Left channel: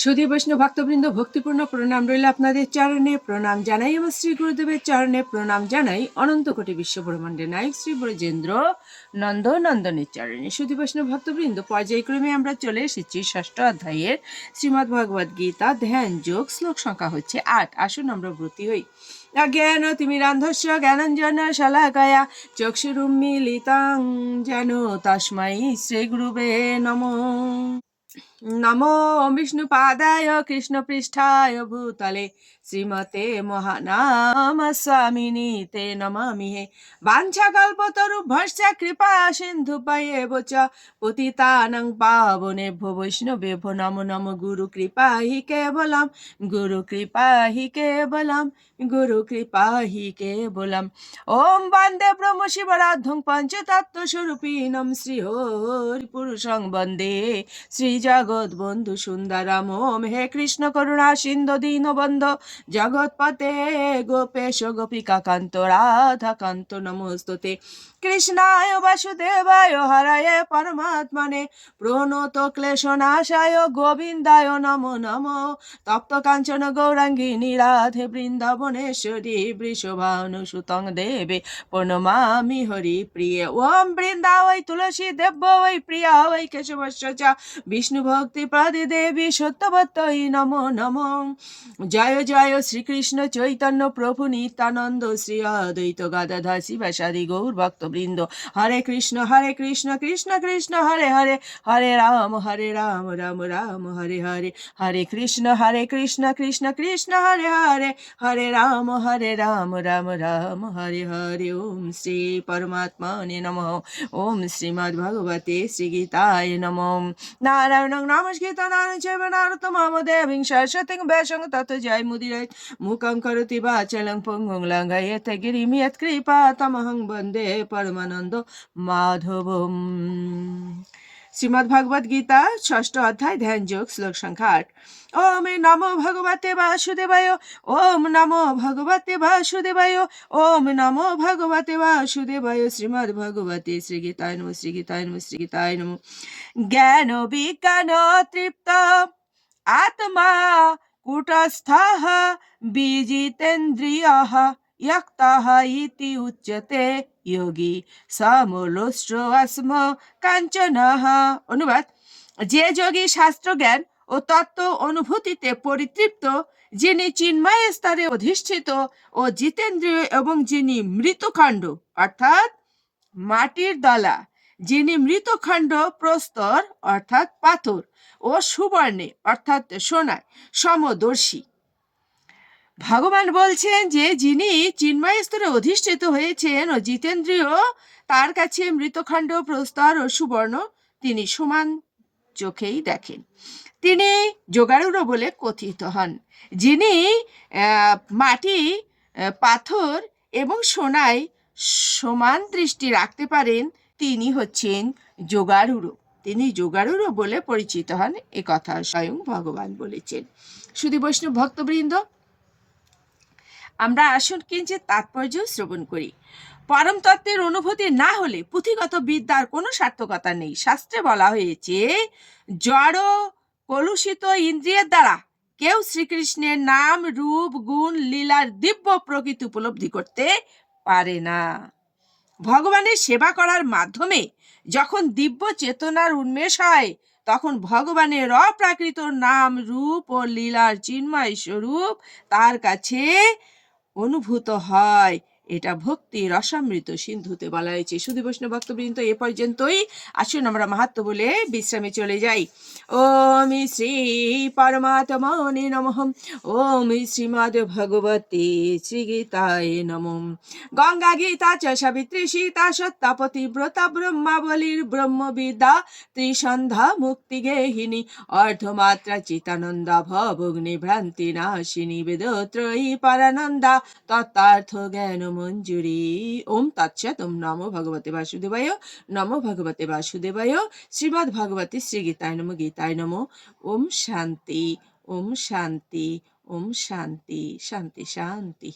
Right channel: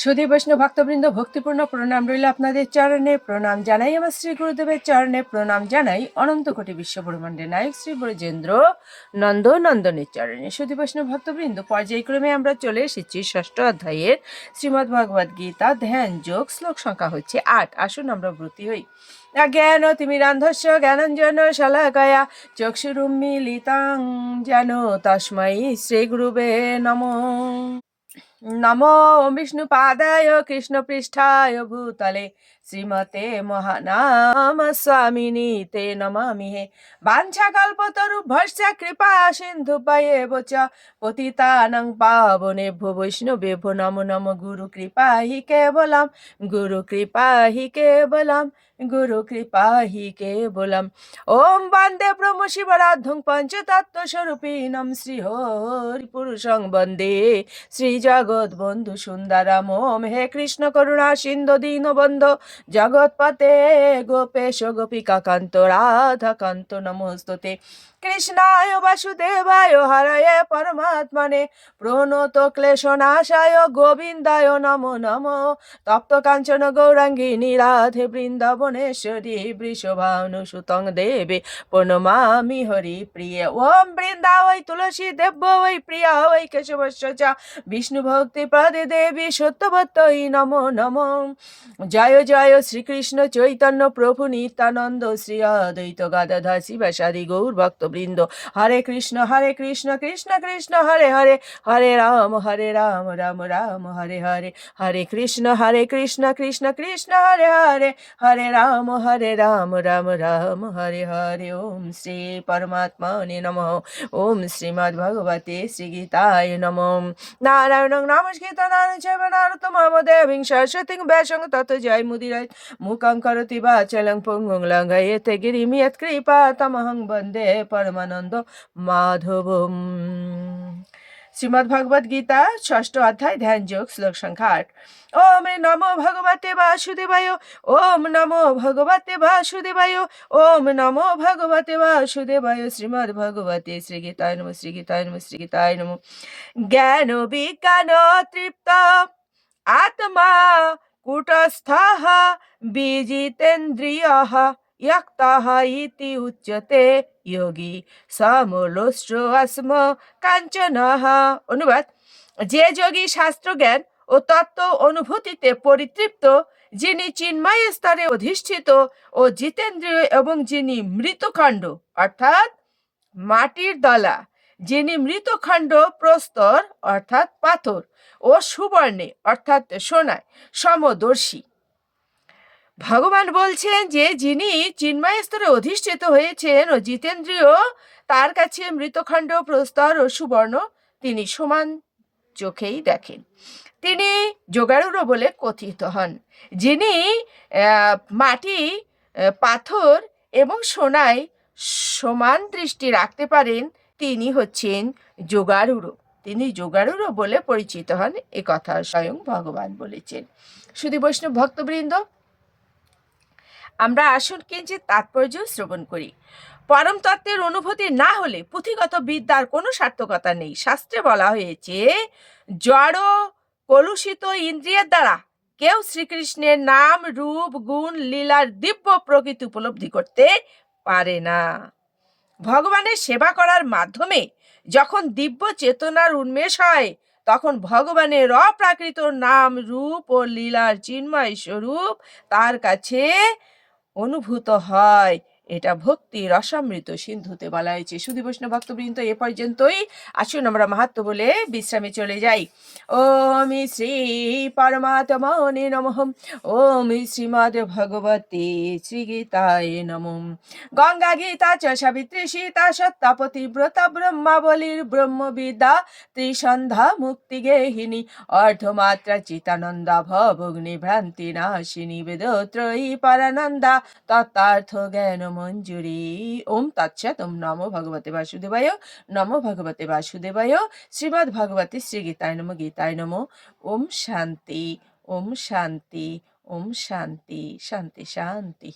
সুধী বৈষ্ণব ভক্তবৃন্দ, ভক্তিপূর্ণ প্রণাম রইল আপনাদের চরণে। প্রণাম জানাই আমার শ্রী গুরুদেবের চরণে। প্রণাম জানাই অনন্ত কোটি বিশ্ব ব্রহ্মাণ্ডের নায়ক শ্রী ব্রজেন্দ্র নন্দ নন্দনের চরণে। সুধী বৈষ্ণব ভক্তবৃন্দ, পর্যায়ক্রমে আমরা চলে এসেছি ষষ্ঠ অধ্যায়ের শ্রীমদ্ ভগবদ গীতা ধ্যান যোগ শ্লোক সংখ্যা হচ্ছে আট। আসুন আমরা ব্রতী হই। জ্ঞান তুমি তিমিরান্ধস্য জ্ঞানঞ্জন শলাকয়া চক্ষুরুন্মিলিতাং যেন তস্मै শ্রী গুরুবে নমঃ। নমো বিষ্ণুপাদায় কৃষ্ণপৃষ্ঠায় ভূতলে শ্রীমতে মহানাম স্বামিনী তে নমামি হে বাঞ্ছা কল্পতরুভ্যশ্চ কৃপা সিন্ধু পায়ে চ পতিতানং পাবনেভ্যো বৈষ্ণবেভ্যো নমো নমো গুরু কৃপা হি কেবলম গুরু কৃপা হি কেবলম গুরু কৃপা হি কেবলম ওম বন্দে ব্রহ্ম শিবরাধুং পঞ্চতত্ত্ব স্বরূপিণম শ্রী হরি পুরুষং বন্দে শ্রী জগৎ বন্ধু সুন্দরম, ওম হে কৃষ্ণ করুণা সিন্ধু দীন বন্ধ জগৎপতে গোপেশ গোপিকা কান্ত, রাধা কান্ত নমস্তুতে। কৃষ্ণায় বাসুদেবায় হরায় পরমাত্মনে, প্রণত ক্লেশনাশায় গোবিন্দায় নমো নমো। তপ্ত কাঞ্চন গৌরাঙ্গী নীরাধে বৃন্দাবনেশ্বরী বৃষভানু সুতং দেবে প্রণমামি হরি প্রিয়। ওম বৃন্দা ওই তুলসী দেব্য ওই প্রিয়া ওই কেশবস্য চ। বিষ্ণু ভক্তি প্রদে দেবী সত্যবত্তই নমো নমো। জয় জয় শ্রীকৃষ্ণ চৈতন্য প্রভু নিত্যানন্দ শ্রী অদ্বৈত গাদাধা শিবাসাদি গৌর ভক্তবৃন্দ। হরে কৃষ্ণ হরে কৃষ্ণ কৃষ্ণ কৃষ্ণ, হরে হরে হরে রাম হরে রাম রাম রাম, হরে হরে। হরে কৃষ্ণ হরে কৃষ্ণ কৃষ্ণ কৃষ্ণ, হরে হরে হরে রাম হরে রাম রাম রাম, হরে হরে। ওম শ্রী পরমাত্মনে নম। ওম শ্রীমদ্ ভগবতে শ্রীগীতায় নম। নারায়ণং নমস্কৃত নারায়ণ চৈব নারতমম দেবীং সরস্বতীং ব্যাসং তত জয় মুদিরায় মুখং করতি বাচলং পঙ্গুং লঙ্ঘয়েতে গিরিমি কৃপা তমহং বন্দে পরমানন্দ মাধবম শ্রীমদ্ ভগবদ গীতা, ষষ্ঠ অধ্যায়, ধ্যান যোগ, শ্লোক সংখ্যা আট। ওম নমো ভগবতে বাসুদেবায়, ওম নমো ভগবতে বাসুদেবায়, ওম নমো ভগবতে বাসুদেবায়, শ্রীমদ্ ভগবতে শ্রীগীতায় নম শ্রীগীতায় নম শ্রীগীতায় নম। জ্ঞান বিজ্ঞান তৃপ্ত, আত্মা কূটস্থः, বিজিতেন্দ্রিয়ः ইয়ক্তাহ ইতি উচ্যতে যোগী সমলশ্র আস্ম কাঞ্চনহ অনুবাদ যে যোগী শাস্ত্রজ্ঞান ও তত্ত্ব অনুভূতিতে পরিতৃপ্ত যিনি চিন্ময় স্তরে অধিষ্ঠিত ও জিতেন্দ্রীয় এবং যিনি মৃতখণ্ড অর্থাৎ মাটির দলা যিনি মৃতখণ্ড প্রস্তর অর্থাৎ পাথর ও সুবর্ণে অর্থাৎ সোনায় সমদর্শী ভগবান বলছেন যে, যিনি চিন্ময় স্তরে অধিষ্ঠিত হয়েছেন ও জিতেন্দ্রীয়, তার কাছে মৃতখণ্ড, প্রস্তর ও সুবর্ণ তিনি সমান চোখেই দেখেন। তিনি যোগাড়ুরও বলে কথিত হন, যিনি মাটি পাথর এবং সোনায় সমান দৃষ্টি রাখতে পারেন, তিনি হচ্ছেন যোগাড়ুরো তিনি যোগাড়ুরো বলে পরিচিত হন, এ কথা স্বয়ং ভগবান বলেছেন। শুধু বৈষ্ণব ভক্তবৃন্দ আমরা আসুন কিঞ্চিত তাৎপর্য শ্রবণ করি। পরম তত্ত্বের অনুভূতি না হলে পুঁথিগত বিদ্যার কোনো সার্থকতা নেই। শাস্ত্রে বলা হয়েছে, জড় কলুষিত ইন্দ্রিয়ের দ্বারা কেউ শ্রীকৃষ্ণের নাম, রূপ, গুণ, লীলার দিব্য প্রকৃতি উপলব্ধি করতে পারে না। ভগবানের সেবা করার মাধ্যমে যখন দিব্য চেতনার উন্মেষ হয়, তখন ভগবানের অপ্রাকৃত নাম, রূপ ও লীলার চিন্ময় স্বরূপ তার কাছে অনুভূত হয়। এটা ভক্তি, রসামৃত সিন্ধুতে বলা হয়েছে। সুধী বৈষ্ণব ভক্তবৃন্দ, এ পর্যন্তই। আসুন আমরা মাহাত্ম বলে বিশ্রামে চলে যাই। ওম শ্রী পরমাত্মনে নমঃ। ওম শ্রীমদ শ্রী গীতায় নম। গঙ্গা গীতা চ সাবিত্রী সীতা সত্তা পতিব্রতা ব্রহ্মাবলীর ব্রহ্মবিদ্যা ত্রিসন্ধ্যা মুক্তি গেহিনী অর্ধমাত্রা চিতানন্দা ভবগ্নি ভ্রান্তি নাশিনী বেদত্রয়ী পরানন্দা তত্তার্থ জ্ঞান মঞ্জুরি ওম তৎসৎ ওম নমো ভগবতে বাসুদেবায় নমো ভগবতে বাসুদেবায় শ্রীমদ ভগবতে শ্রী গীতায় নম গীতায় নম ওম শান্তি ওম শান্তি ওম শান্তি শান্তি শান্তি